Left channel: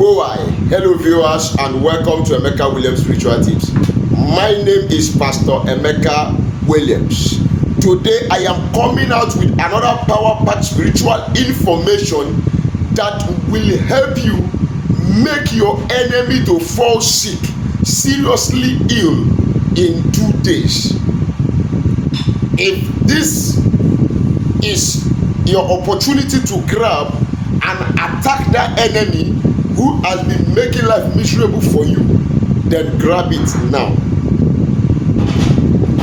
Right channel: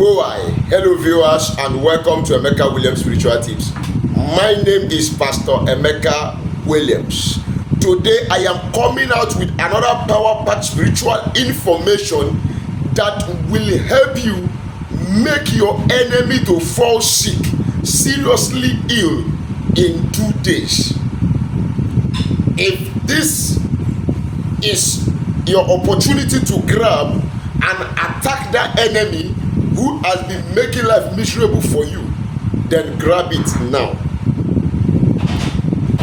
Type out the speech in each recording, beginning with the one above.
Boy, hello viewers and welcome to Emeka Williams Spiritual Tips. My name is Pastor Emeka Williams. Today I am coming out with another power-packed spiritual information that will help you make your enemy to fall sick, seriously ill in 2 days. If this is your opportunity to grab and attack that enemy who has been making life miserable for you, then grab it now.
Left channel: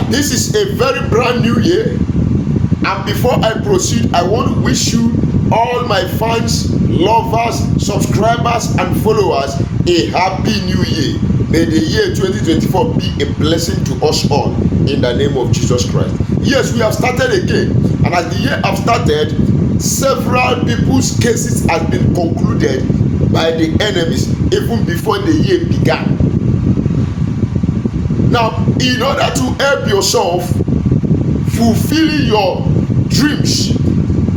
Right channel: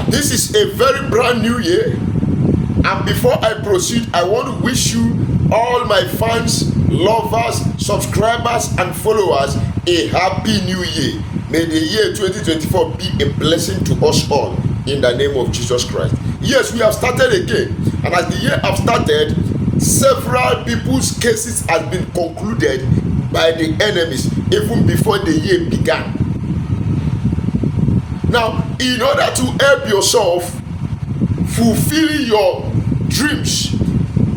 This is a very brand new year, and before I proceed, I want to wish you, all my fans, lovers, subscribers and followers, a happy new year. May the year 2024 be a blessing to us all in the name of Jesus Christ. Yes, we have started again, and as the year have started, several people's cases have been concluded by the enemies even before the year began. Now, in order to help yourself fulfill your dreams,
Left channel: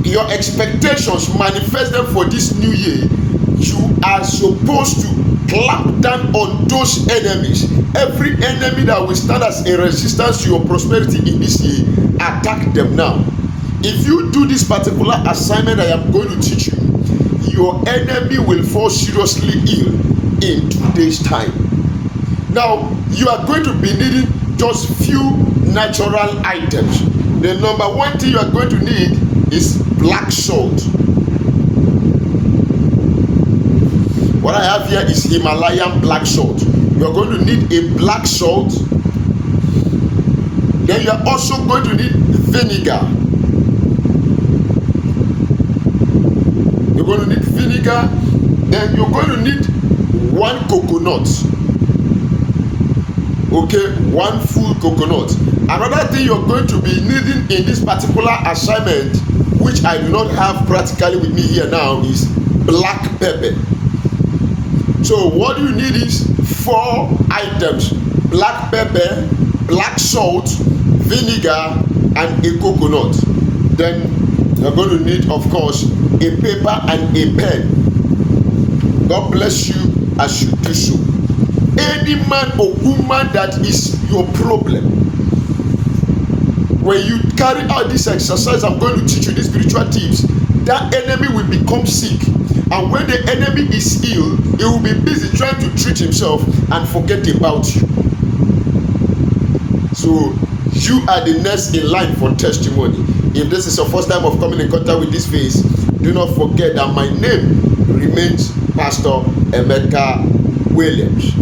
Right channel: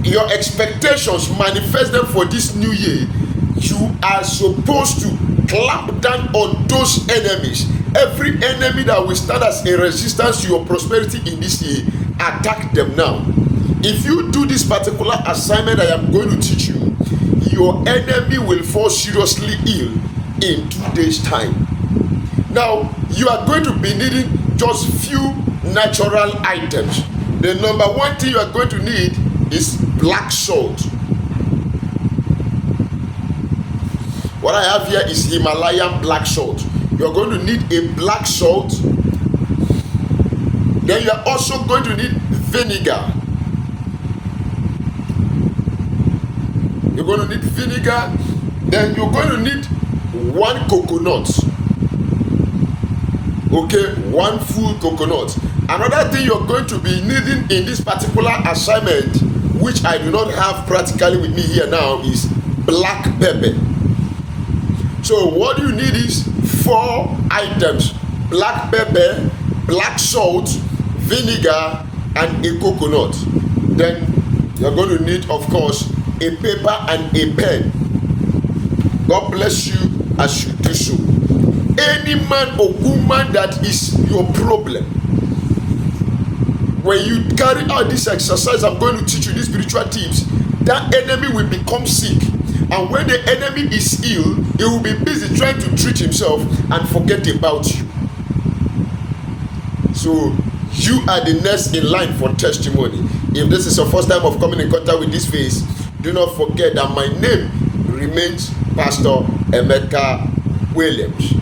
your expectations, manifest them for this new year, you are supposed to clamp down on those enemies. Every enemy that will stand as a resistance to your prosperity in this year, attack them now. If you do this particular assignment I am going to teach you, your enemy will fall seriously ill in 2 days' time. Now, you are going to be needing just few natural items. The number one thing you are going to need is black salt. What I have here is Himalayan black salt. You are going to need a black salt. Then you are also going to need vinegar. You're going to need vinegar. Then you're going to need 1 coconut. Okay, 1 full coconut. Another thing you're going to be needing in this particular assignment, which I do not have practically with me here now, is black pepper. So what you need is 4 items: black pepper, black salt, vinegar, and a coconut. Then you're going to need, of course, a paper and a pen. God bless you as you do so. Any man or woman that is your problem, when you carry out this exercise I'm going to teach you, these spiritual tips, that enemy will become sick. And when the enemy is ill, he will be busy trying to treat himself and forget about you. So you are the next in line for testimony. If this is your first time of coming in contact with this face, do not forget that my name remains Pastor Emeka Williams.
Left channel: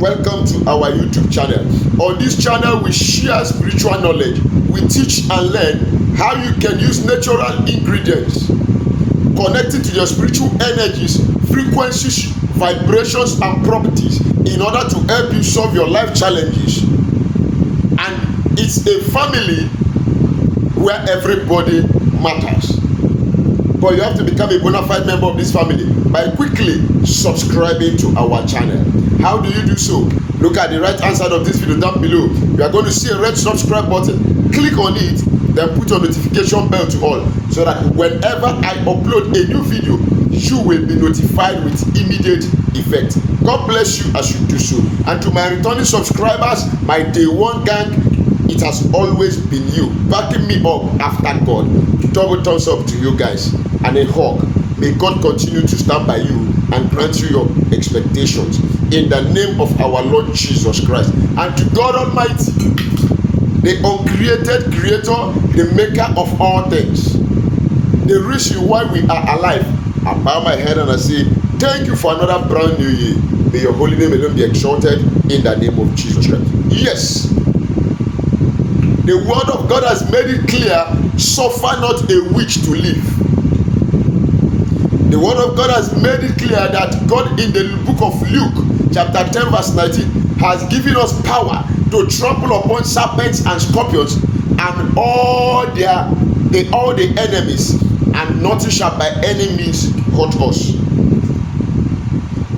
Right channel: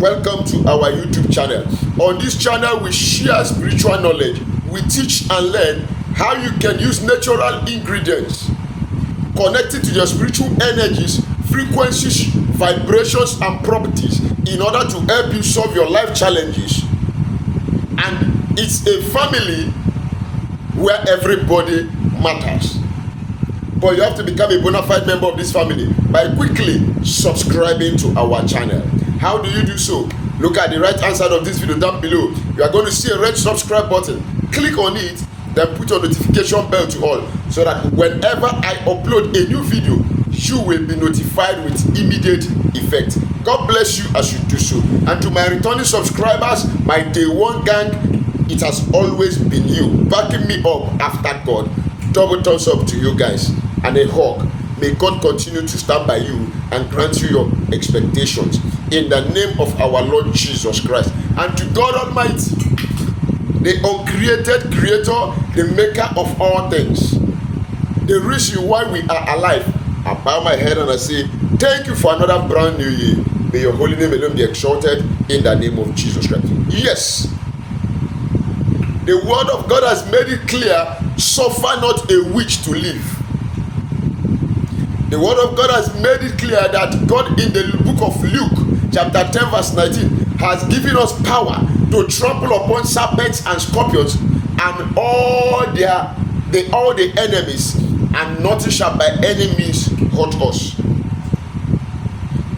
Welcome to our YouTube channel. On this channel, we share spiritual knowledge. We teach and learn how you can use natural ingredients connected to your spiritual energies, frequencies, vibrations, and properties in order to help you solve your life challenges. And it's a family where everybody matters. But you have to become a bona fide member of this family by quickly subscribing to our channel. How do you do so? Look at the right hand side of this video down below. You are going to see a red subscribe button. Click on it, then put your notification bell to all, so that whenever I upload a new video, you will be notified with immediate effect. God bless you as you do so. And to my returning subscribers, my day one gang, it has always been you backing me up after God. Double thumbs up to you guys and a hug. May God continue to stand by you and grant you your expectations in the name of our Lord Jesus Christ. And to God Almighty, the uncreated creator, the maker of all things, the reason why we are alive, I bow my head and I say, thank you for another brand new year. May your holy name alone be exalted in the name of Jesus Christ. Yes, the word of God has made it clear, suffer not a witch to live. The word of God has made it clear that God in the book of Luke, chapter 10, verse 19, has given us power to trample upon serpents and scorpions and all the enemies, and nothing shall by any means hurt us.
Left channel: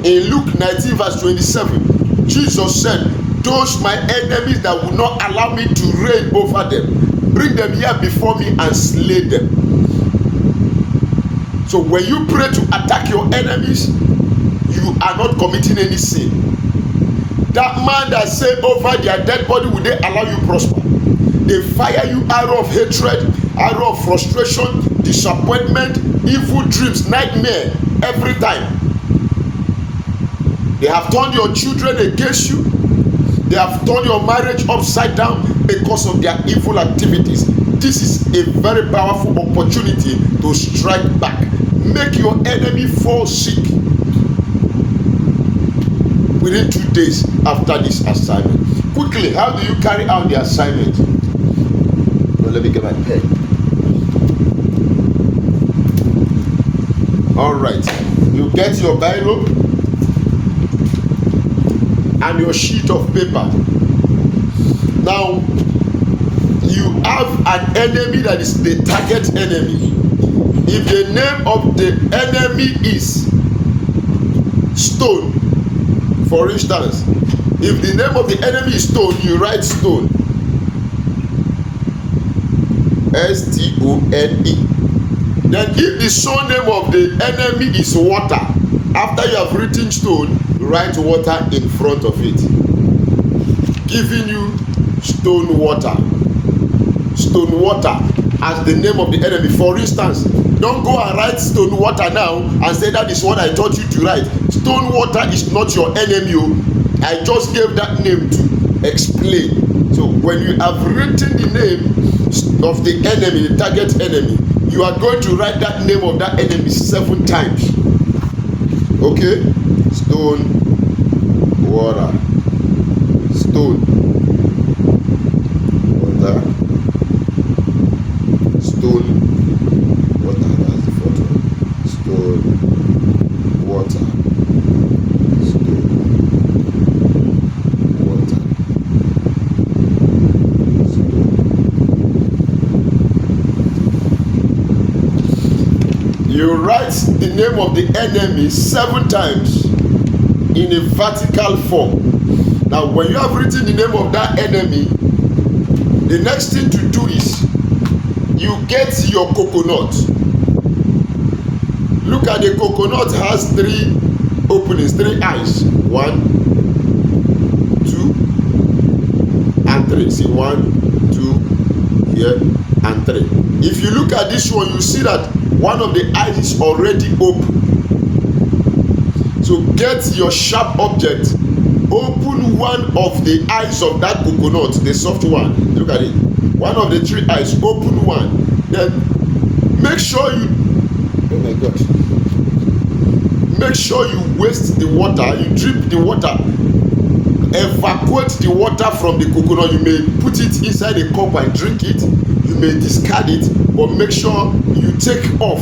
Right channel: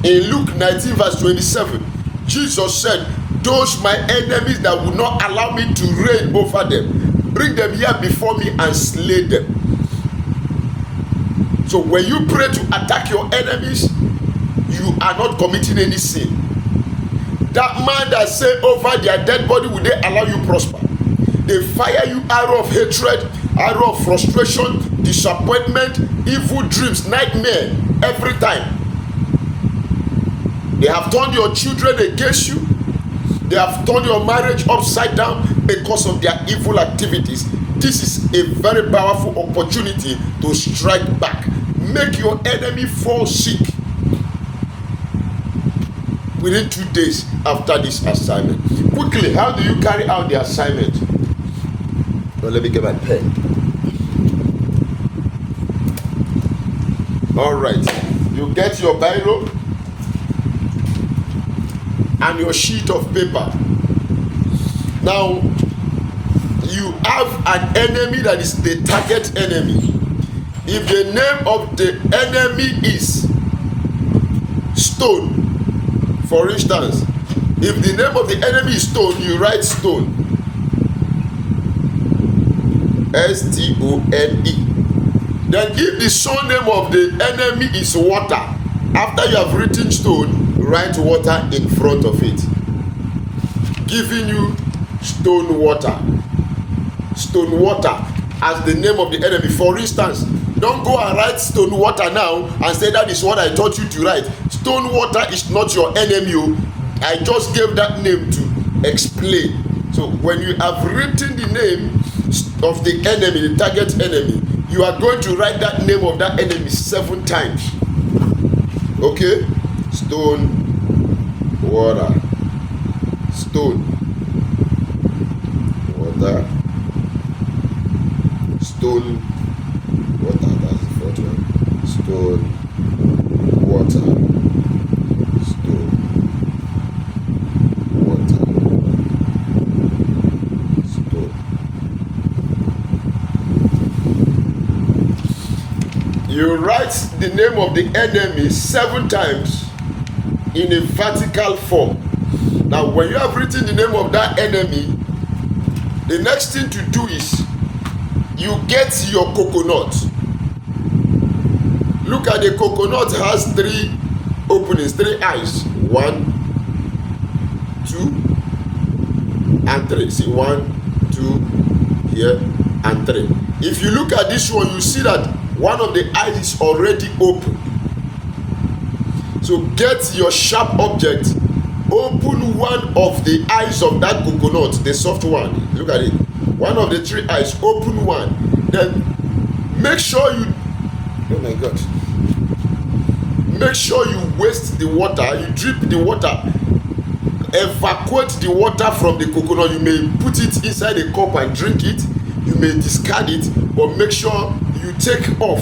In Luke 19, verse 27, Jesus said, those my enemies that will not allow me to reign over them, bring them here before me and slay them. So when you pray to attack your enemies, you are not committing any sin. That man that say over their dead body, will they allow you prosper? They fire you arrow of hatred, arrow of frustration, disappointment, evil dreams, nightmare every time. They have turned your children against you. They have turned your marriage upside down because of their evil activities. This is a very powerful opportunity to strike back. Make your enemy fall sick within 2 days after this assignment. Quickly, how do you carry out the assignment? Well, let me get my pen. All right, you get your Bible and your sheet of paper. Now, you have an enemy that is the target enemy. If the name of the enemy is stone, for instance, if the name of the enemy is stone, you write stone. S-T-O-N-E. Then if the surname of the enemy is water, after you have written stone, write water in front of it, giving you stone water. Stone water as the name of the enemy. For instance, don't go and write stone water now and say that is what I taught you to write. Stone water is not your enemy. I just gave that name to explain. So when you have written the name of the enemy, the target enemy, you are going to write that name of that enemy 7 times. Okay? Stone water. Stone water. Stone water. That's the 4th one. Stone water. Stone water. Stone. You write the name of the enemy 7 times in a vertical form. Now, when you have written the name of that enemy, the next thing to do is you get your coconut. Look at the coconut, has 3 openings, 3 eyes. 1, 2, and 3. See, 1, 2, here, and 3. If you look at this one, you see that one of the eyes is already open. So get your sharp object, open one of the eyes of that coconut, the soft one. Look at it. One of the 3 eyes, open one. Then make sure you, oh my God, make sure you waste the water, you drip the water, evacuate the water from the coconut. You may put it inside a cup and drink it, you may discard it, but make sure you take out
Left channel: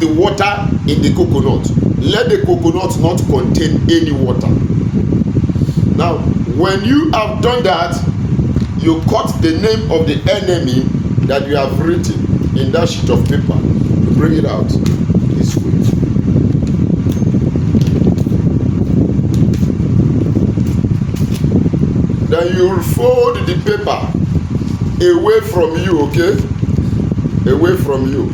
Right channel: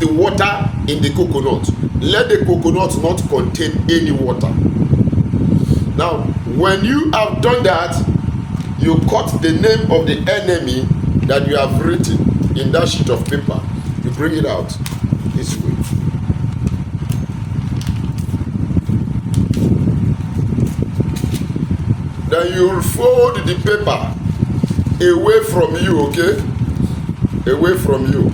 the water in the coconut. Let the coconut not contain any water. Now, when you have done that, you cut the name of the enemy that you have written in that sheet of paper. You bring it out this way. Then you will fold the paper away from you, okay? Away from you.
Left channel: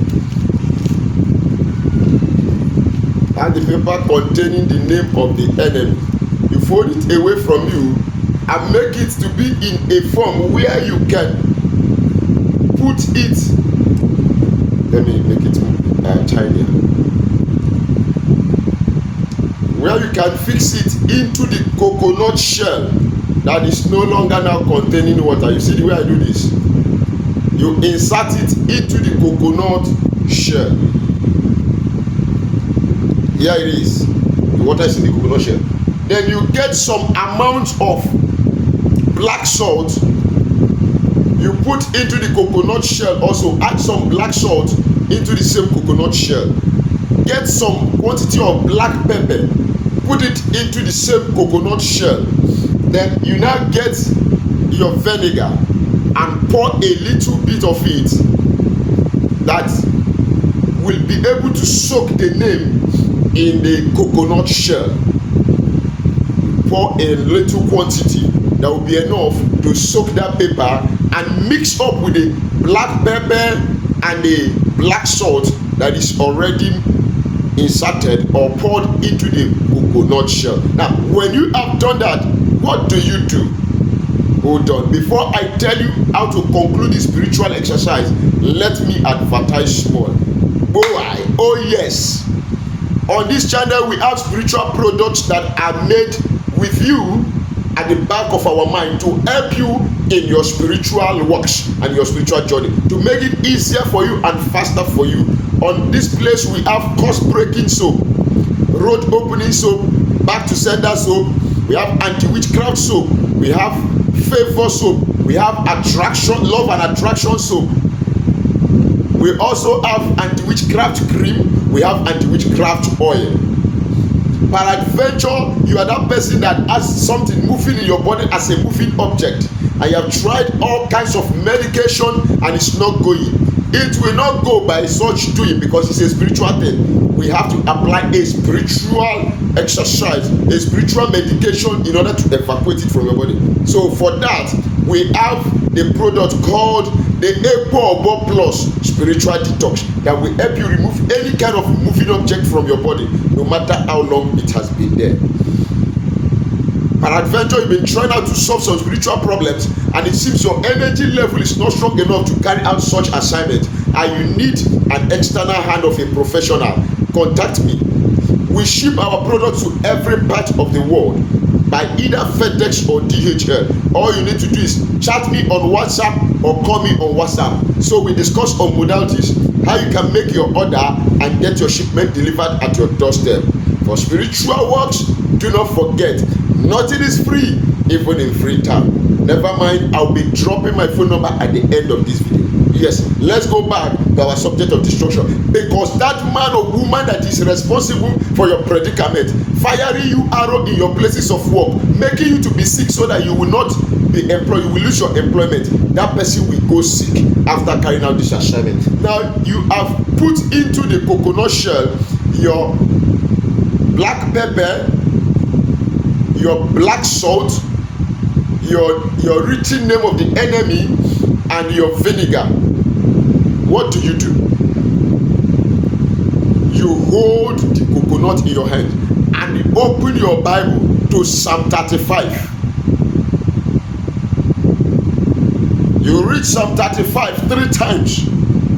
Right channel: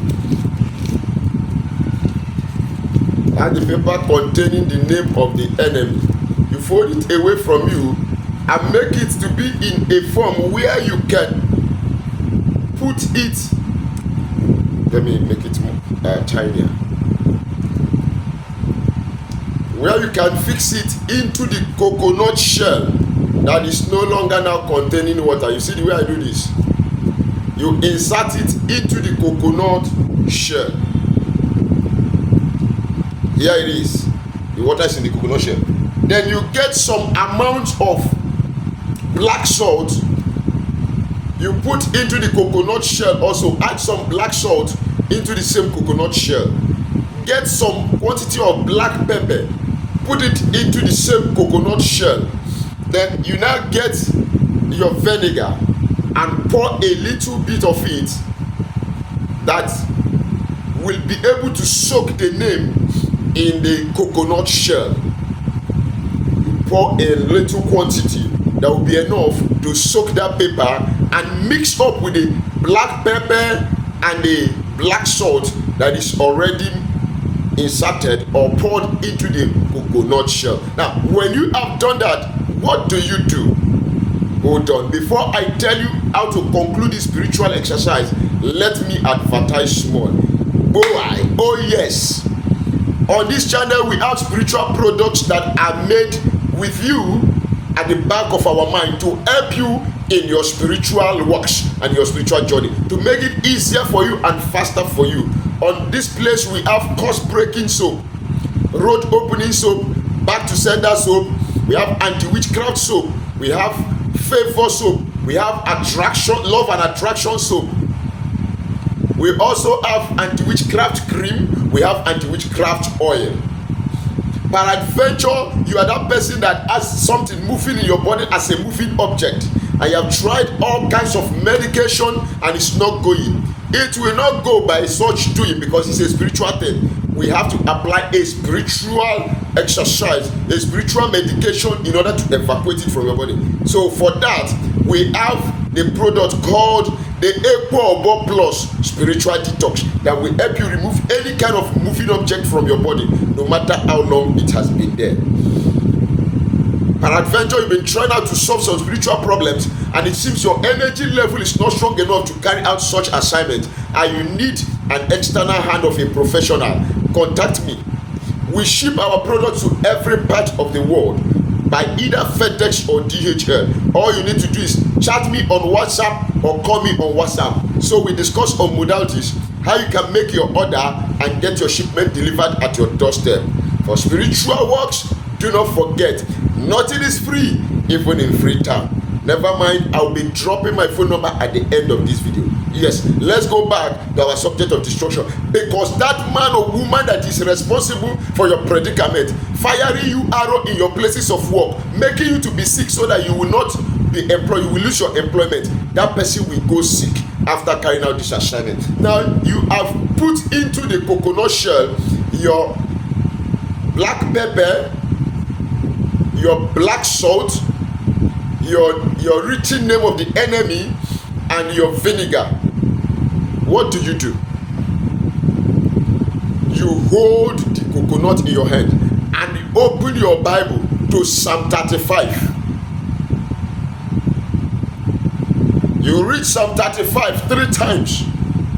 And the paper containing the name of the enemy, you fold it away from you and make it to be in a form where you can put it. Let me make it tinier. Where you can fix it into the coconut shell that is no longer now containing water. You see the way I do this? You insert it into the coconut shell. Here it is. The water is in the coconut shell. Then you get some amount of black salt. You put into the coconut shell also. Add some black salt into the same coconut shell. Get some quantity of black pepper. Put it into the same coconut shell. Then you now get your vinegar and pour a little bit of it that will be able to soak the name in the coconut shell. Pour a little quantity that will be enough to soak that paper and mix up with the black pepper and the black salt that is already inserted or poured into the coconut shell. Now, when you have done that, what do you do? Hold on. Before I tell you how to conclude this spiritual exercise, let me advertise small. Boy, oh yes. On this channel, we have spiritual products that are made with you at the back of our mind to help you in your spiritual works and your spiritual journey, to make it easier for you and faster for you. On this place, we have course-breaking soap, road opening soap, back to sender soap, we have anti-witchcraft soap, we have favor soap, we have attraction, love and attraction soap. We also have anti-witchcraft cream, we have anti-witchcraft oil. Peradventure, you are that person that has something moving in your body as a moving object, and you have tried all kinds of medication and it's not going. It will not go by such doing, because it's a spiritual thing. We have to apply a spiritual exercise, a spiritual medication in order to evacuate it from your body. So for that, we have the product called the Epo Plus Spiritual Detox that will help you remove any kind of moving object from your body, no matter how long it has been there. Peradventure, you've been trying out to solve some spiritual problems, and it seems your energy level is not strong enough to carry out such assignment, and you need an external hand of a professional. Contact me. We ship our products to every part of the world by either FedEx or DHL. All you need to do is chat me on WhatsApp or call me on WhatsApp. So we discuss on modalities, how you can make your order and get your shipment delivered at your doorstep. For spiritual works, do not forget, nothing is free, even in Freetown. Never mind, I'll be dropping my phone number at the end of this video. Yes, let's go back to our subject of destruction, because that man or woman that is responsible for your predicament, firing you arrow in your places of work, making you to be sick so that you will not be employed, you will lose your employment, that person will go sick after carrying out this assignment. Now, you have put into the coconut shell your black pepper, your black salt, your written name of the enemy, and your vinegar. What do? You hold the coconut in your hand and you open your Bible to Psalm 35. You read Psalm 35 3 times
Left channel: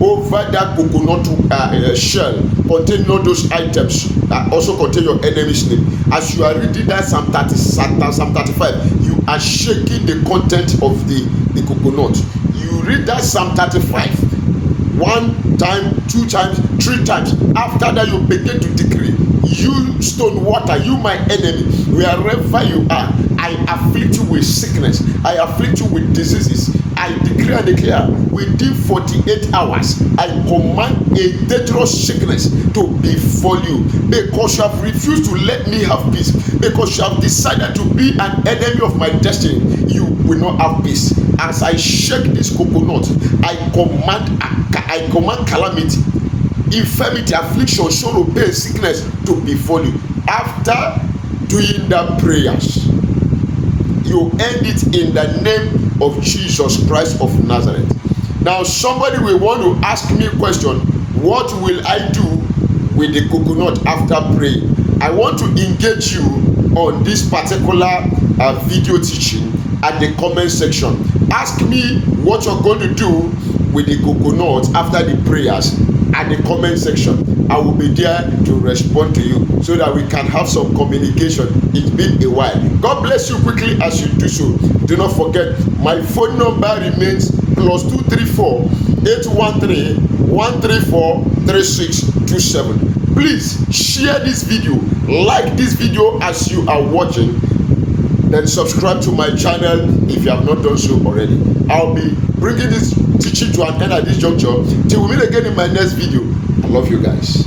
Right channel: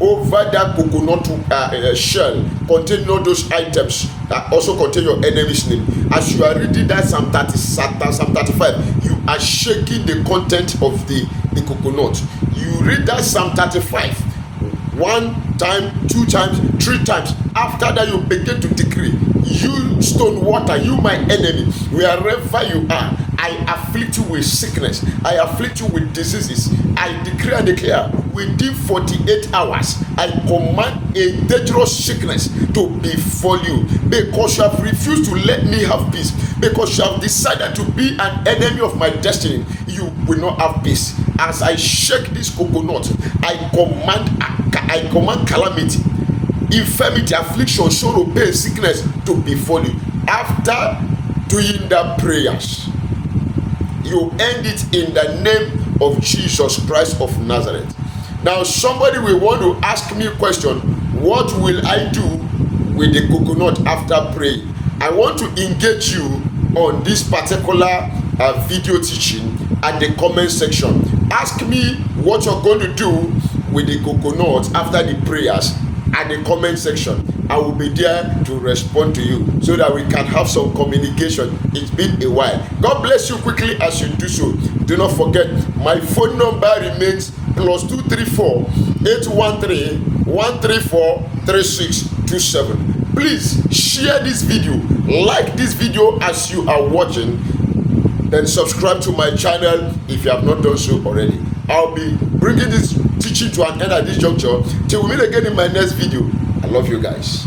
over that coconut shell containing all those items that also contain your enemy's name. As you are reading that Psalm 35, you are shaking the content of the coconut. You read that Psalm 35 1 time, 2 times, 3 times. After that, you begin to decree, you stone water, you my enemy, wherever you are, I afflict you with sickness, I afflict you with diseases. I decree and declare, within 48 hours, I command a dangerous sickness to befall you, because you have refused to let me have peace, because you have decided to be an enemy of my destiny. You will not have peace. As I shake this coconut, I command calamity, infirmity, affliction, sorrow, pain, sickness to befall you. After doing the prayers, you end it in the name of Jesus Christ of Nazareth. Now, somebody will want to ask me a question: what will I do with the coconut after praying? I want to engage you on this particular video teaching at the comment section. Ask me what you're going to do with the coconut after the prayers at the comment section. I will be there to respond to you so that we can have some communication. It's been a while. God bless you quickly as you do so. Do not forget, my phone number remains +234 813 134 3627. Please share this video, like this video as you are watching, then subscribe to my channel if you have not done so already. I'll be bringing this teaching to an end at this juncture till we meet again in my next video. I love you guys.